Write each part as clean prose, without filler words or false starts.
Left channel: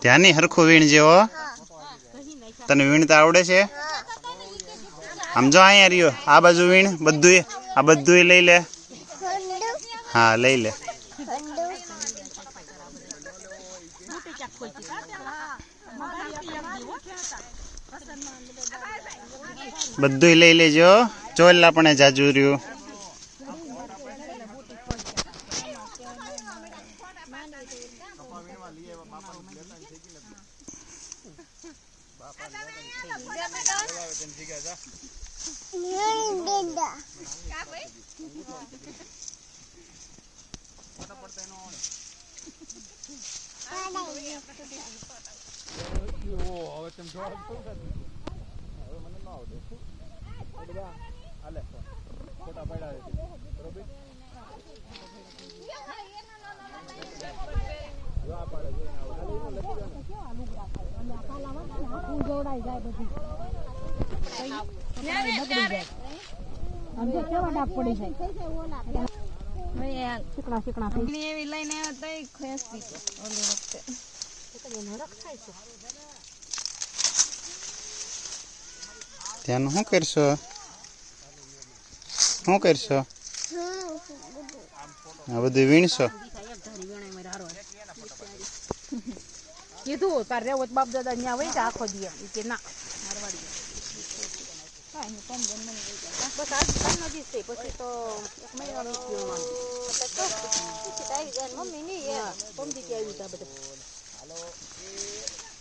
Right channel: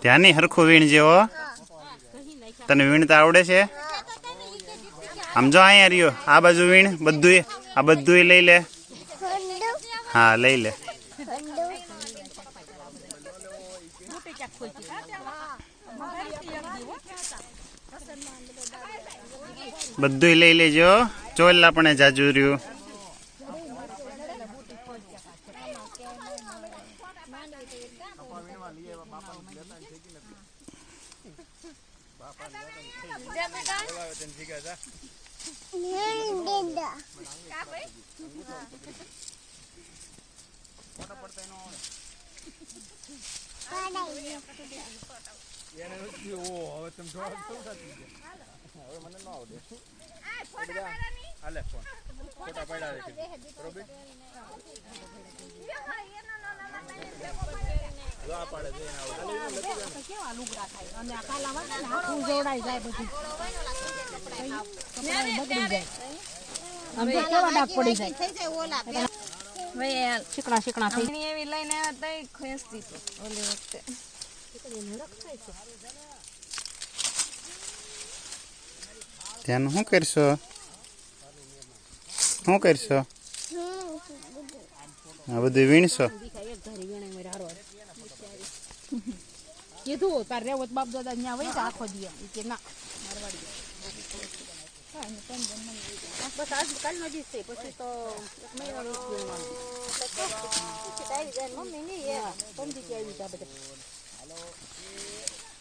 ધ્યાની હરખું વીણ જેવો તને વીણતા આવડે છે આમ જો અહીંયા રહ્યો આ બાજુ વીણ બધું આ બધું લઈ લે હા લઈ લે બધું લઈ લેજો ચોલા પણ જાજુ રહ્યું ધ્યાન શું કરશો આ બધું વીણશો કીધું તાર રેવો બાપ દાદા ન્યા વઈ આખો દે કે ના પછી તો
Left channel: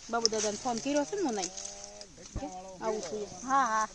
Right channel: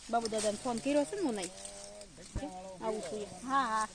બાબુ દાદા ફોન કર્યો છે ને નહીં આવું છે હા